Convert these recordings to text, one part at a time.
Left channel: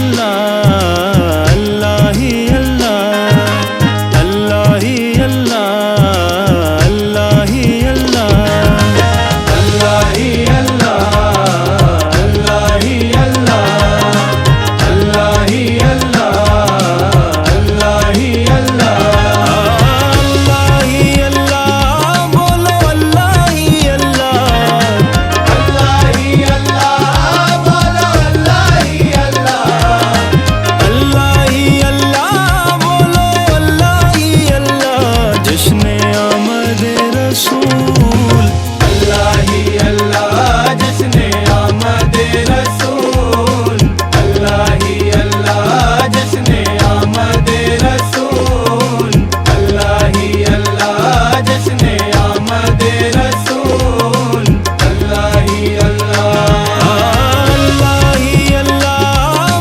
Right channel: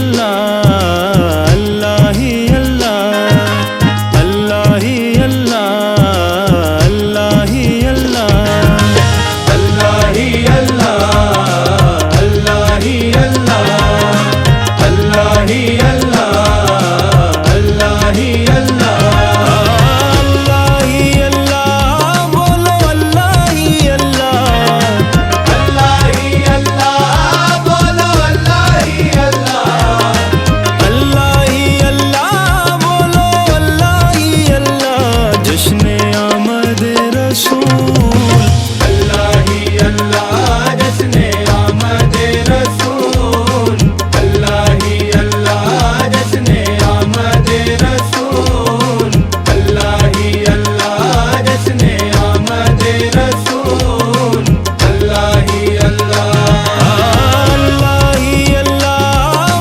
अल्लाह, अल्लाह ही अल्लाह, अल्लाह ही अल्लाह, अल्लाह ही अल्लाह, अल्लाह ही अल्लाह, अल्लाह ही अल्लाह, अल्लाह ही अल्लाह, अल्लाह ही अल्लाह, अल्लाह ही अल्लाह। बोलो अल्लाह ही अल्लाह, अल्लाह ही अल्लाह। बोलो अल्लाह ही अल्लाह, अल्लाह ही अल्लाह। बोलो अल्लाह ही अल्लाह। जश्न आमद रसूल, अल्लाह ही अल्लाह। जश्न आमद रसूल, अल्लाह ही अल्लाह। जश्न आमद रसूल, अल्लाह ही अल्लाह। जश्न आमद रसूल, अल्लाह ही अल्लाह, अल्लाह ही अल्लाह।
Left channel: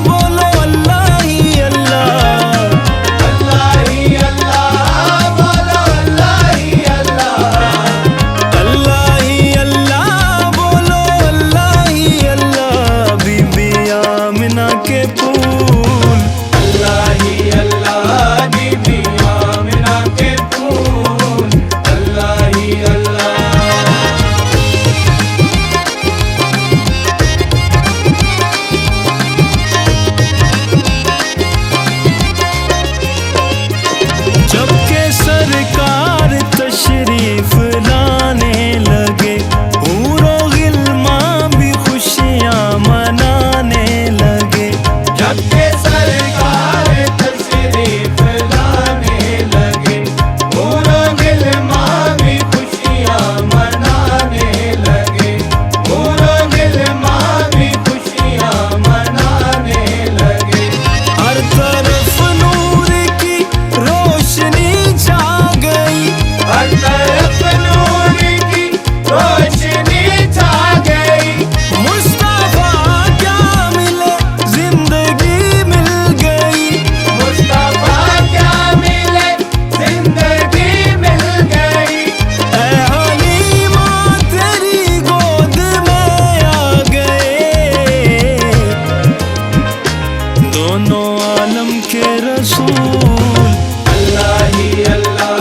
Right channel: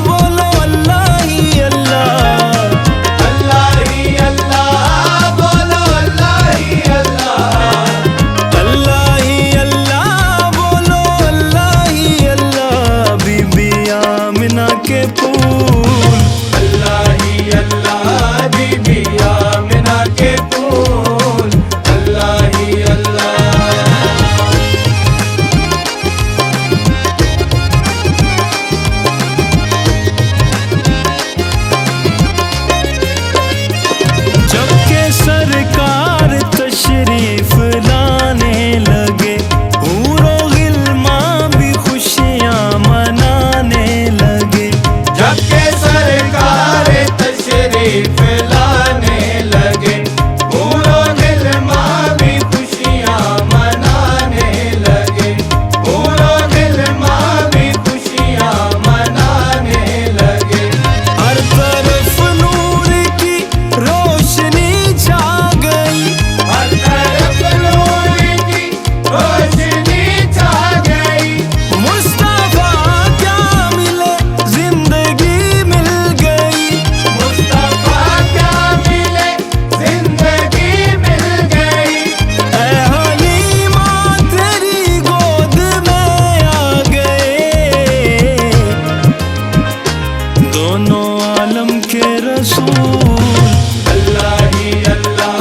बोलो अल्लाह ही अल्लाह, अल्लाह ही अल्लाह। बोलो अल्लाह ही अल्लाह, अल्लाह ही अल्लाह। बोलो अल्लाह ही अल्लाह। बीबी आमिना के फूल, अल्लाह ही अल्लाह। बीबी आमिना के फूल, अल्लाह ही अल्लाह। जबकि सरकार तशरीफ लाने लगे, हूरो गिल्मा भी खुशियाँ मनाने लगे। जबकि सरकार तशरीफ लाने लगे, हूरो गिल्मा भी खुशियाँ मनाने लगे। हूरो गिल्मा भी खुशियाँ मनाने लगे। हर तरफ नूर की रोशनी छा गई, हर तरफ नूर की रोशनी छा गई। मुस्तफा क्या मिले जिंदगी मिल गई, मुस्तफा क्या मिले जिंदगी मिल गई। ऐ हलीमा तेरी गोद में आ गए, दोनों आलम के रसूल, अल्लाह ही अल्लाह।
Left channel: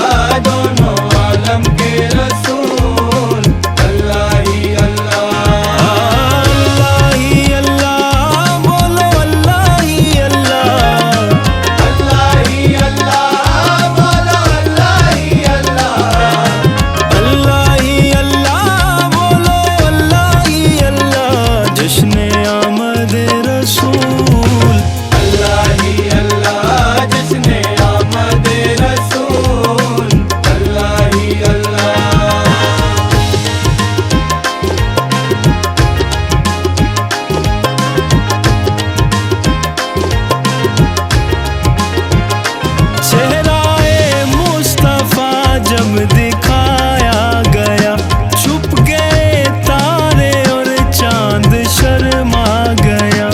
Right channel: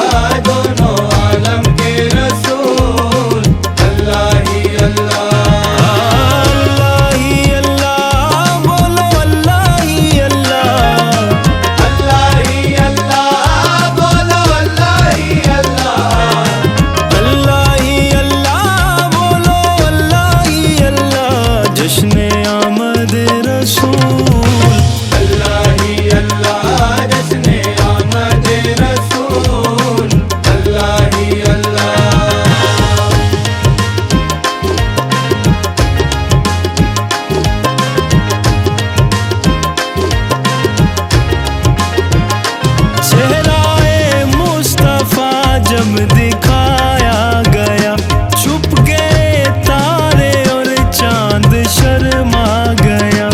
दोनों आलम के रसूल, अल्लाह ही अल्लाह, अल्लाह ही अल्लाह। बोलो अल्लाह ही अल्लाह, अल्लाह ही अल्लाह। बोलो अल्लाह ही अल्लाह, अल्लाह ही अल्लाह। बोलो अल्लाह ही अल्लाह। जश्न आमद रसूल, अल्लाह ही अल्लाह। जश्न आमद रसूल, अल्लाह ही अल्लाह। चेहराए मुस्तफा जब दिखाया गया, छुप गए तारे और चांद शर्मा गया।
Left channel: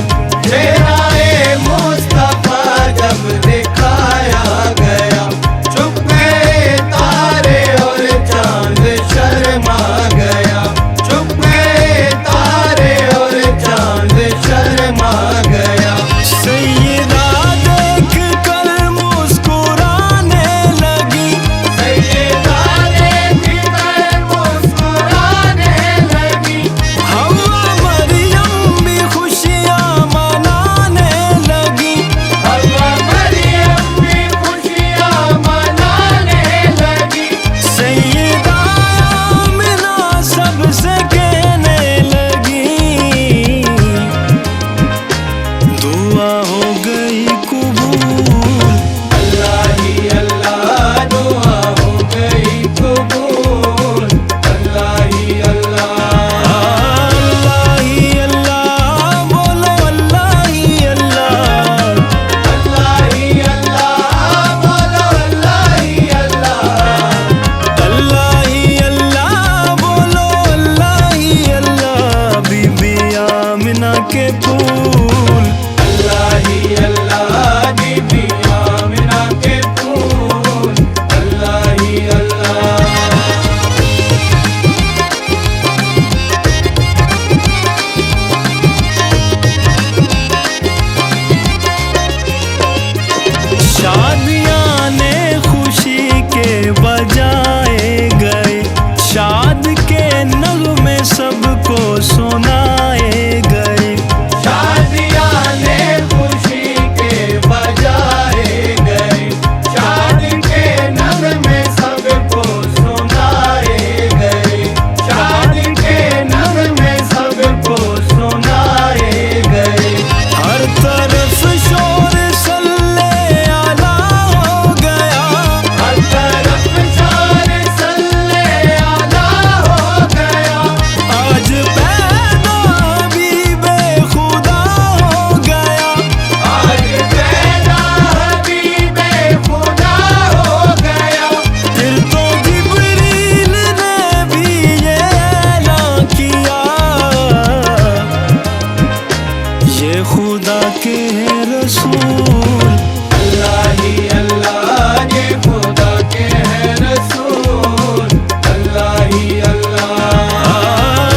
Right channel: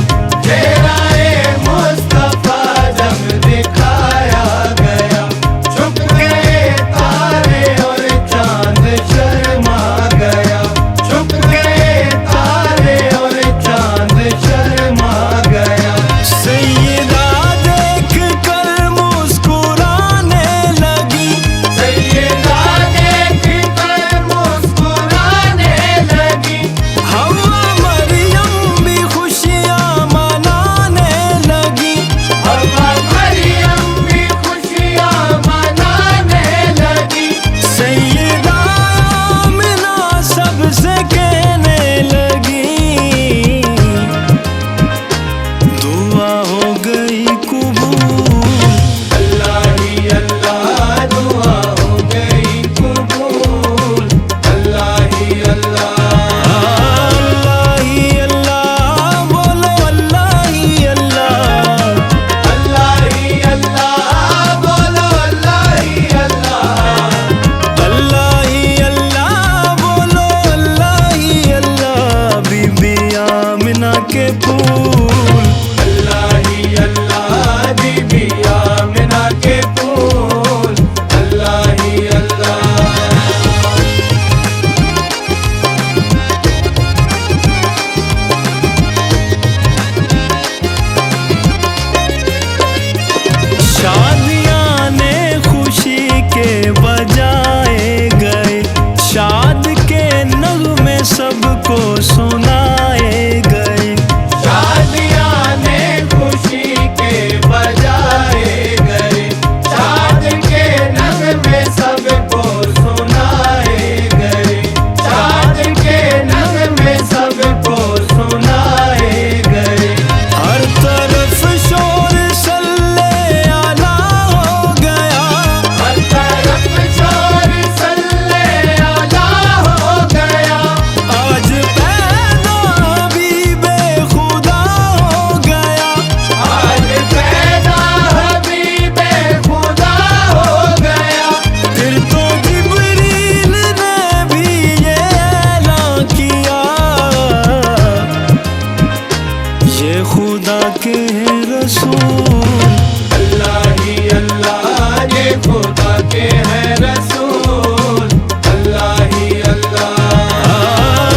चेहराए मुस्तफा जब दिखाया गया, छुप गए तारे और चांद शर्मा गया। छुप गए तारे और चांद शर्मा गया। सैयदा देख कर मुस्कुराने लगी, सैयदा देख कर मुस्कुराने लगी। हव्वा मरियम भी खुशियाँ मनाने लगी, हव्वा मरियम भी खुशियाँ मनाने लगी। सैयदा आमिना सबसे कहने लगी, दुआ हो गई कबूल, अल्लाह ही अल्लाह। दुआ हो गई कबूल, अल्लाह ही अल्लाह, अल्लाह ही अल्लाह। बोलो अल्लाह ही अल्लाह, अल्लाह ही अल्लाह। बोलो अल्लाह ही अल्लाह, अल्लाह ही अल्लाह। बोलो अल्लाह ही अल्लाह। बीबी आमिना के फूल, अल्लाह ही अल्लाह। बीबी आमिना के फूल, अल्लाह ही अल्लाह। शादियां ने खुशी के बजाए गए, शाद के नगमे सबको सुनाए गए। शादियां ने खुशी के बजाए गए, शाद के नगमे सबको सुनाए गए, शाद के नगमे सबको सुनाए गए। हर तरफ शोर सल्ले आला हो गया, हर तरफ शोर सल्ले आला हो गया। आज पैदा हबीबे खुदा हो गया, आज पैदा हबीबे खुदा हो गया। फिर तो जिब्रील ने भी ये ऐलान किया, ये खुदा के हैं रसूल। अल्लाह ही अल्लाह, ये खुदा के हैं रसूल। अल्लाह ही अल्लाह,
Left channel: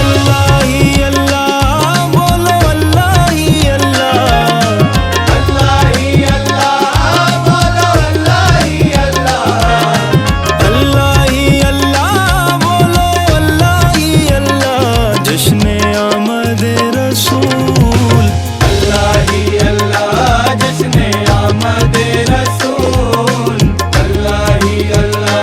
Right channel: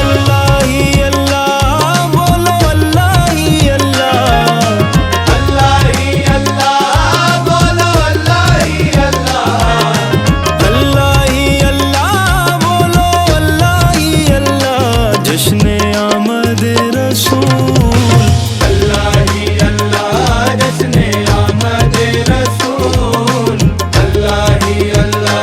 अल्लाह ही अल्लाह, बोलो अल्लाह ही अल्लाह। अल्लाह ही अल्लाह, बोलो अल्लाह ही अल्लाह। अल्लाह ही अल्लाह, बोलो अल्लाह ही अल्लाह। जश्न आमद रसूल। अल्लाह ही अल्लाह, जश्न आमद रसूल। अल्लाह ही अल्लाह।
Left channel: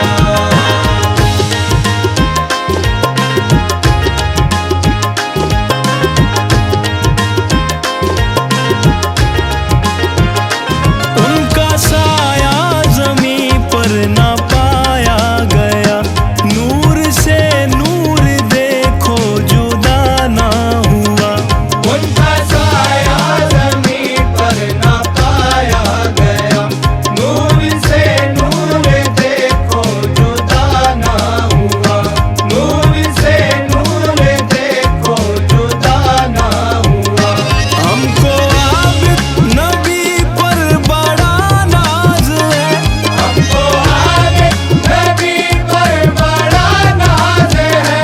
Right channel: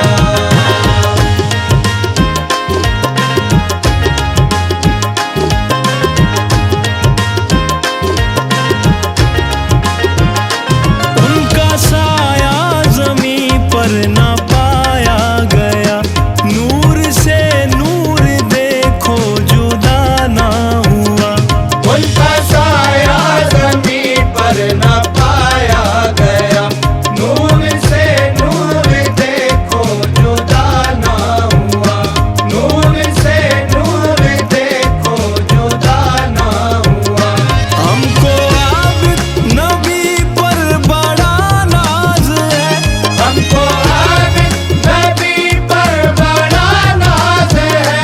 उनका साया ज़मीं पर ना पाया गया, नूर से नूर देखो जुदा ना हुआ। उनका साया ज़मीं पर ना पाया गया, नूर से नूर देखो जुदा ना हुआ, नूर से नूर देखो जुदा ना हुआ। हमको आबिद नबी पर बड़ा नाज है, हमको आबिद नबी पर बड़ा नाज है।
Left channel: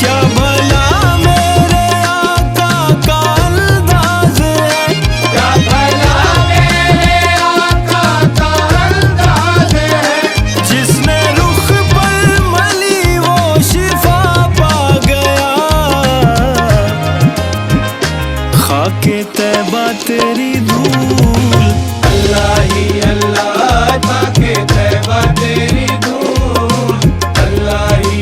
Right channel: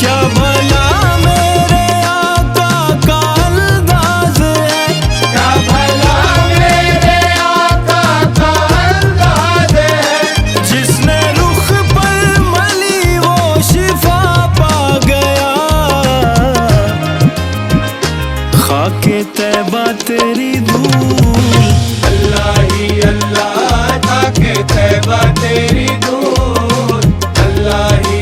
क्या भला मेरे आका का अंदाज है, क्या भला मेरे आका का अंदाज है। जिसने रुख पर मली वो शिफा पा गया, खाके तैबा तेरी धूल। अल्लाह ही अल्लाह, खाके तैबा तेरी धूल। अल्लाह ही